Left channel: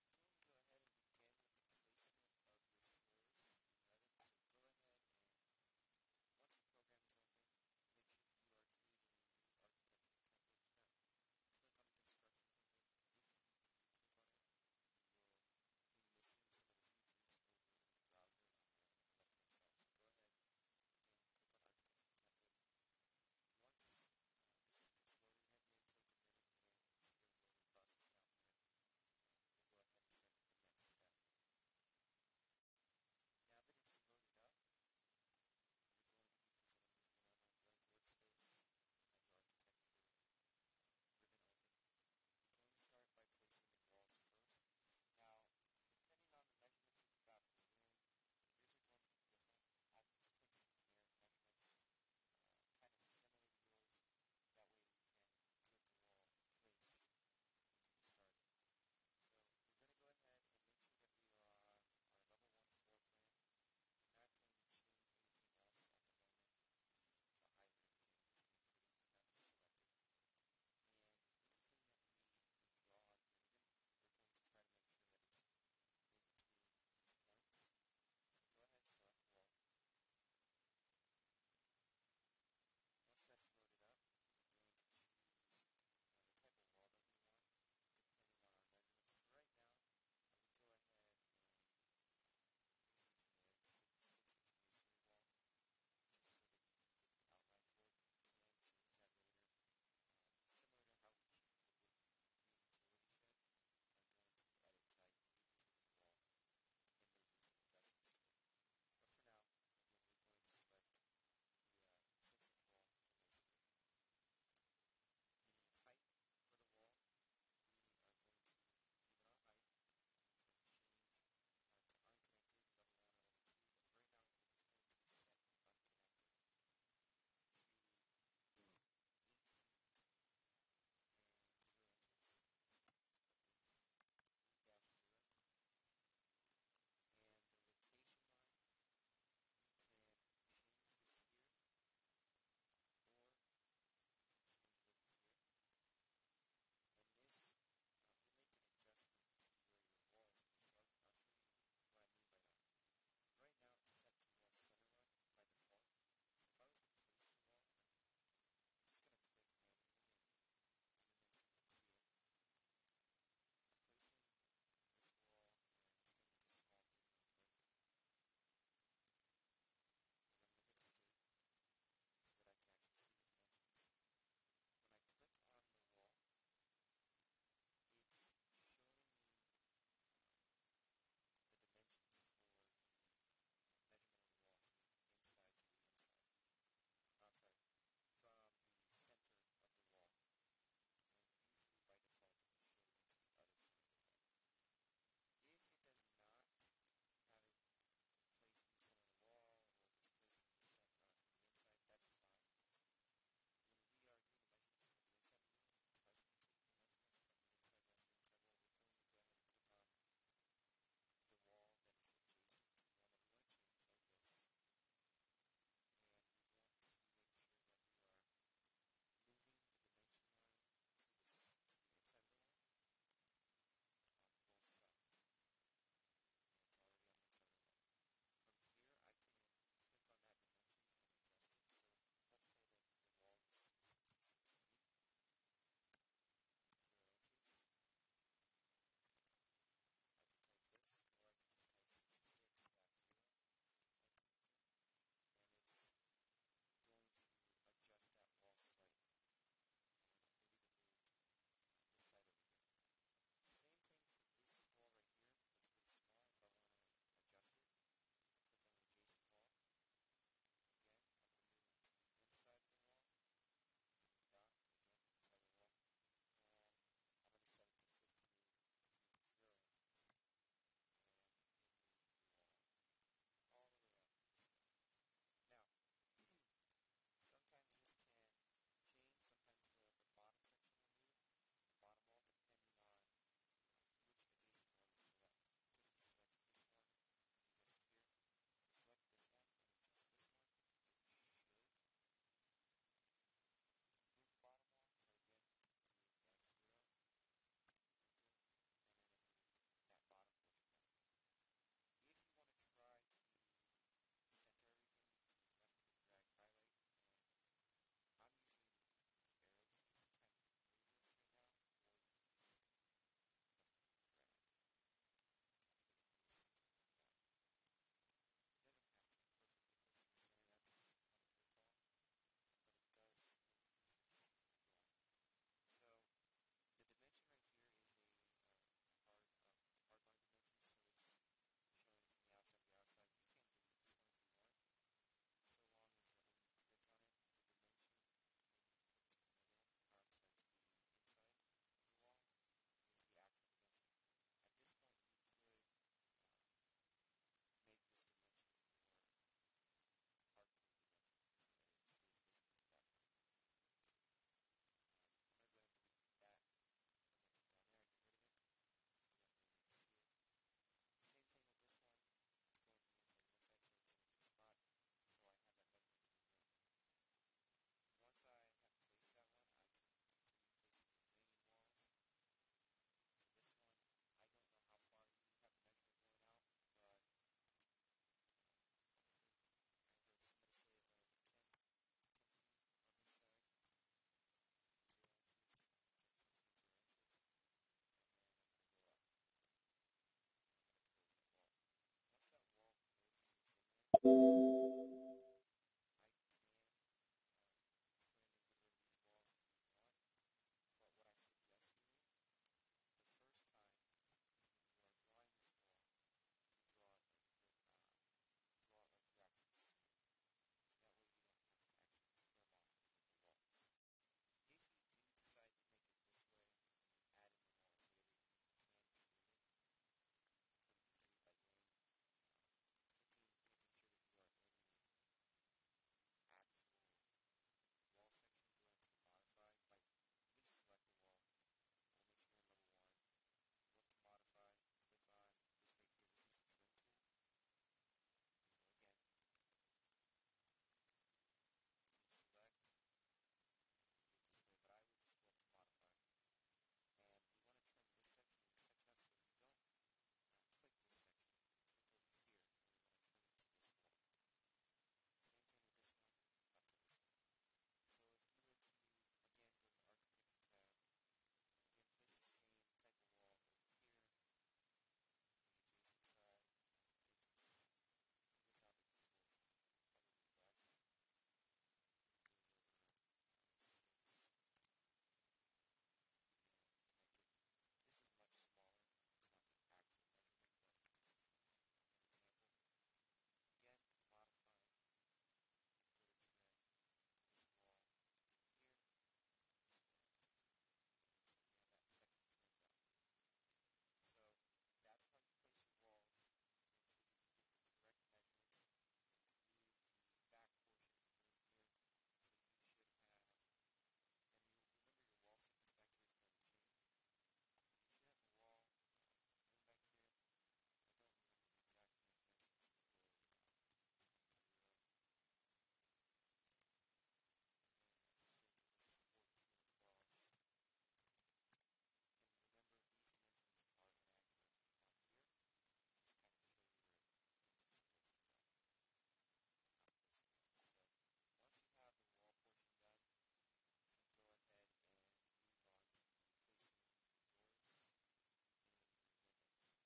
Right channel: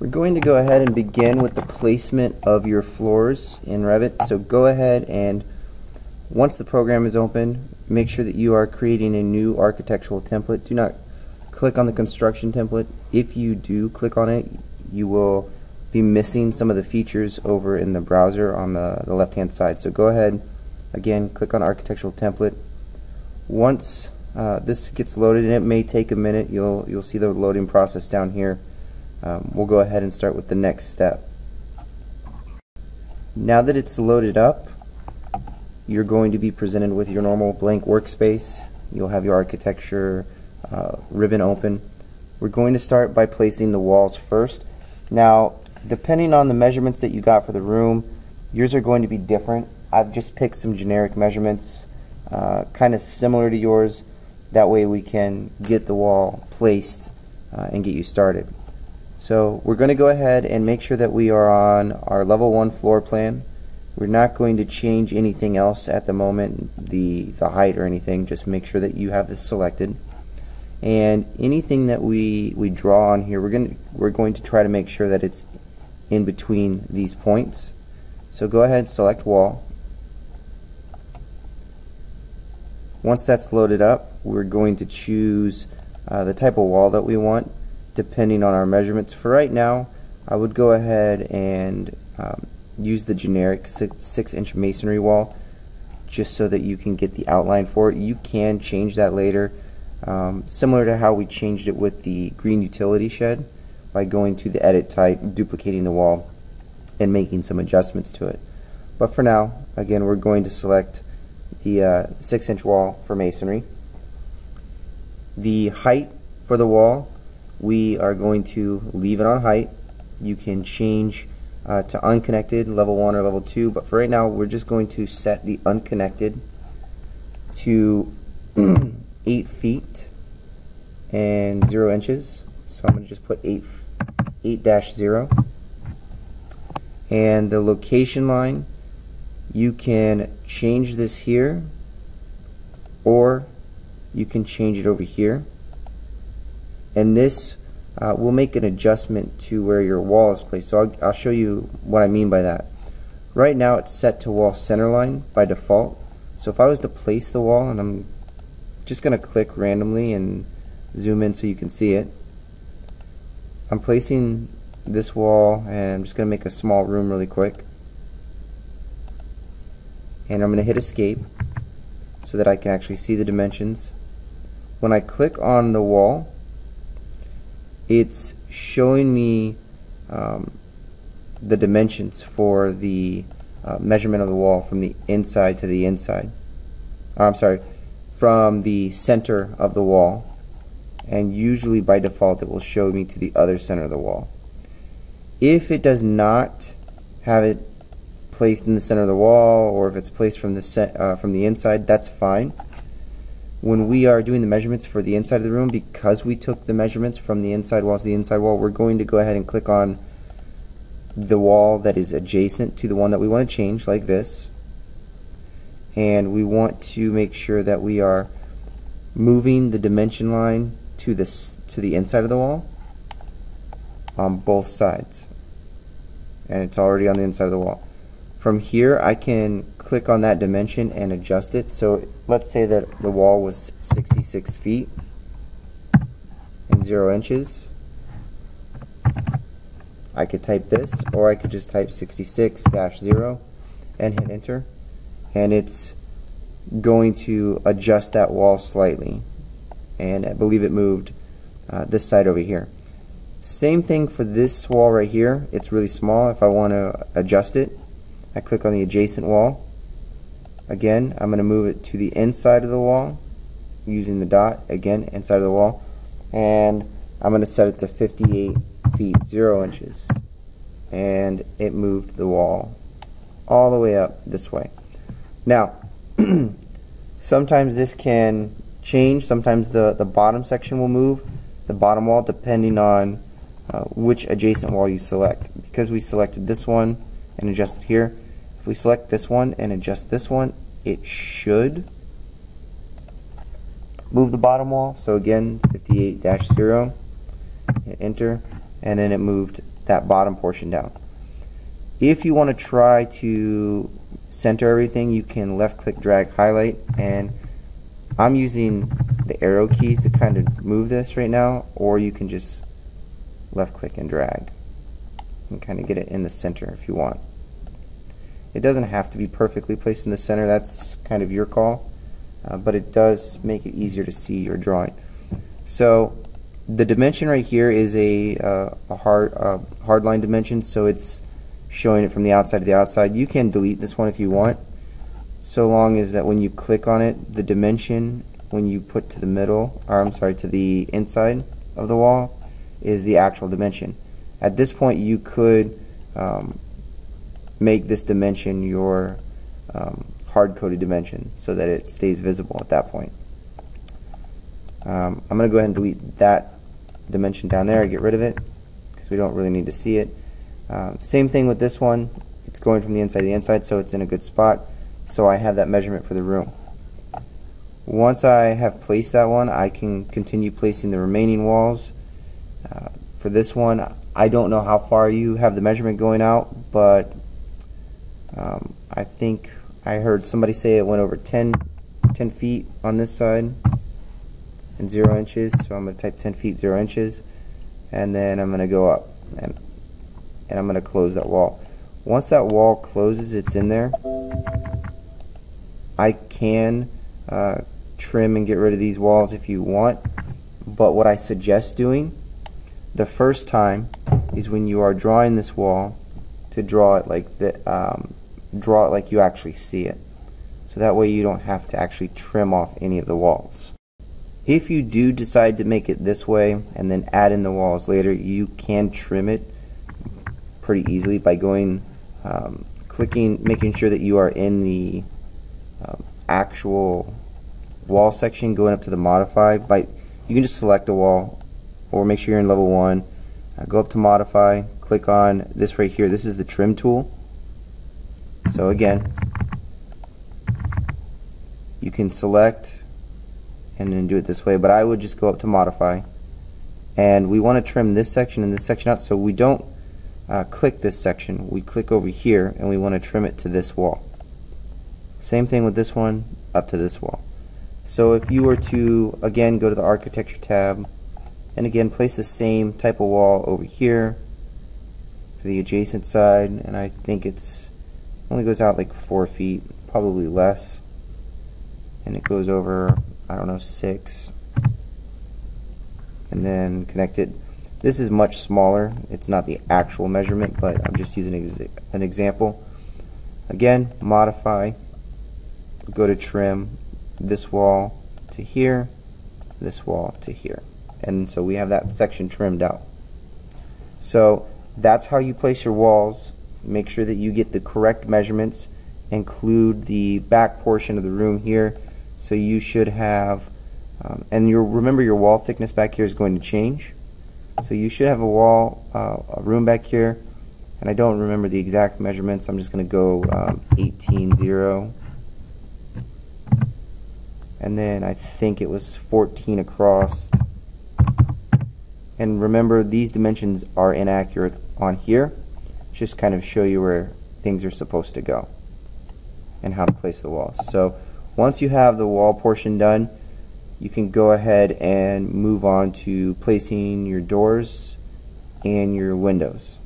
We're going to go ahead and begin with the placement of your floors in Revit. So go ahead and once the program is open, make sure that you are creating a new architectural template. Do not click on the construction template. If you do click on it, you will be missing some of the features over in the browser on the left hand side. So go ahead, again, click on architectural template. Once this gets loaded, and it may take a minute, you'll see the loading process down here. We'll go ahead and start with the next step. Now that it's loaded up, you're going to be presented with your normal blank workspace. You'll have your architecture ribbon open. We're going to start by placing the walls first. Now, depending on the measurements that you got for the room, yours are going to be different. I've just picked some generic measurements, kind of similar to yours. That way we can get the wall placed and get you started. So we're going to go ahead and make sure that we are on our level 1 floor plan. We're not going to change anything else at the moment, the height or anything. Just make sure that you have this selected. And anything that we draw on here, we're going to try to make sure that it's in between these points. So go ahead and select wall. Once that's loaded up, we're going to choose the type of wall that we want, depending on our measurements. For right now, I would go ahead and use the generic 6-inch masonry wall, just so that you can get the outline for it. You can change that later, similar to how we changed it with the green utility shed, by going to the edit type, duplicating the wall, and making some adjustments to it. But for now, again, we're going to select the 6-inch wall for masonry. The height for the wall, we are going to leave it on height. You can change to unconnected, level 1 or level 2, but for right now we're just going to set the unconnected to 8 feet and 0 inches. So I'm going to just put 8-0. And the location line, you can change this here, or you can change it over here. And this will make an adjustment to where your wall is placed. So I'll show you what I mean by that. Right now it's set to wall centerline by default. So if I was to place the wall, and I'm just going to click randomly and zoom in so you can see it. I'm placing this wall, and I'm just going to make a small room really quick. And I'm going to hit escape so that I can actually see the dimensions. When I click on the wall, it's showing me the dimensions for the measurement of the wall from the inside to the inside. I'm sorry, from the center of the wall, and usually by default it will show me to the other center of the wall. If it does not have it placed in the center of the wall, or if it's placed from the inside, that's fine. When we are doing the measurements for the inside of the room, because we took the measurements from the inside wall to the inside wall, we're going to go ahead and click on the wall that is adjacent to the one that we want to change, like this. And we want to make sure that we are moving the dimension line to the inside of the wall on both sides. And it's already on the inside of the wall. From here, I can click on that dimension and adjust it. So let's say that the wall was 66 feet and 0 inches. I could type this, or I could just type 66-0 and hit enter, and it's going to adjust that wall slightly, and I believe it moved this side over here. Same thing for this wall right here. It's really small. If I want to adjust it, I click on the adjacent wall. Again, I'm going to move it to the inside of the wall using the dot, again, inside of the wall, and I'm going to set it to 58 feet 0 inches, and it moved the wall all the way up this way. Now, sometimes this can change. Sometimes the bottom section will move, the bottom wall, depending on which adjacent wall you select. Because we selected this one and adjusted here, if we select this one and adjust this one, it should move the bottom wall. So again, 58-0, hit enter, and then it moved that bottom portion down. If you want to try to center everything, you can left click, drag, highlight, and I'm using the arrow keys to kind of move this right now, or you can just left click and drag and kind of get it in the center if you want. It doesn't have to be perfectly placed in the center, that's kind of your call, but it does make it easier to see your drawing. So the dimension right here is a hard line dimension, so it's showing it from the outside to the outside. You can delete this one if you want, so long as that when you click on it, the dimension when you put to the middle, or I'm sorry, to the inside of the wall is the actual dimension. At this point you could make this dimension your hard-coded dimension so that it stays visible at that point. I'm going to go ahead and delete that dimension down there, get rid of it because we don't really need to see it. Same thing with this one, it's going from the inside to the inside, so it's in a good spot, so I have that measurement for the room. Once I have placed that one, I can continue placing the remaining walls. For this one, I don't know how far you have the measurement going out, but I think I heard somebody say it went over 10 feet on this side and 0 inches, so I'm going to type 10 feet 0 inches, and then I'm going to go up and I'm going to close that wall. Once that wall closes, it's in there. I can trim and get rid of these walls if you want, but what I suggest doing the first time is when you are drawing this wall to draw it like you actually see it, so that way you don't have to actually trim off any of the walls. If you do decide to make it this way and then add in the walls later, you can trim it pretty easily by going making sure that you are in the actual wall section, going up to the modify. You can just select a wall or make sure you're in level 1, go up to modify, click on this right here. This is the trim tool. So again, you can select and then do it this way, but I would just go up to modify, and we want to trim this section and this section out, so we don't click this section, we click over here and we want to trim it to this wall. Same thing with this one, up to this wall. So if you were to again go to the architecture tab and again place the same type of wall over here for the adjacent side, and I think it's only goes out like 4 feet, probably less, and it goes over, I don't know, 6, and then connect it. This is much smaller, it's not the actual measurement, but I'm just using an example. Again, modify, go to trim this wall to here, this wall to here, and so we have that section trimmed out. So that's how you place your walls. Make sure that you get the correct measurements, include the back portion of the room here, so you should have and remember your wall thickness back here is going to change, so you should have a room back here, and I don't remember the exact measurements. I'm just going to go 18.0, and then I think it was 14 across. And remember, these dimensions are inaccurate on here. Just kind of show you where things are supposed to go and how to place the walls. So once you have the wall portion done, you can go ahead and move on to placing your doors and your windows.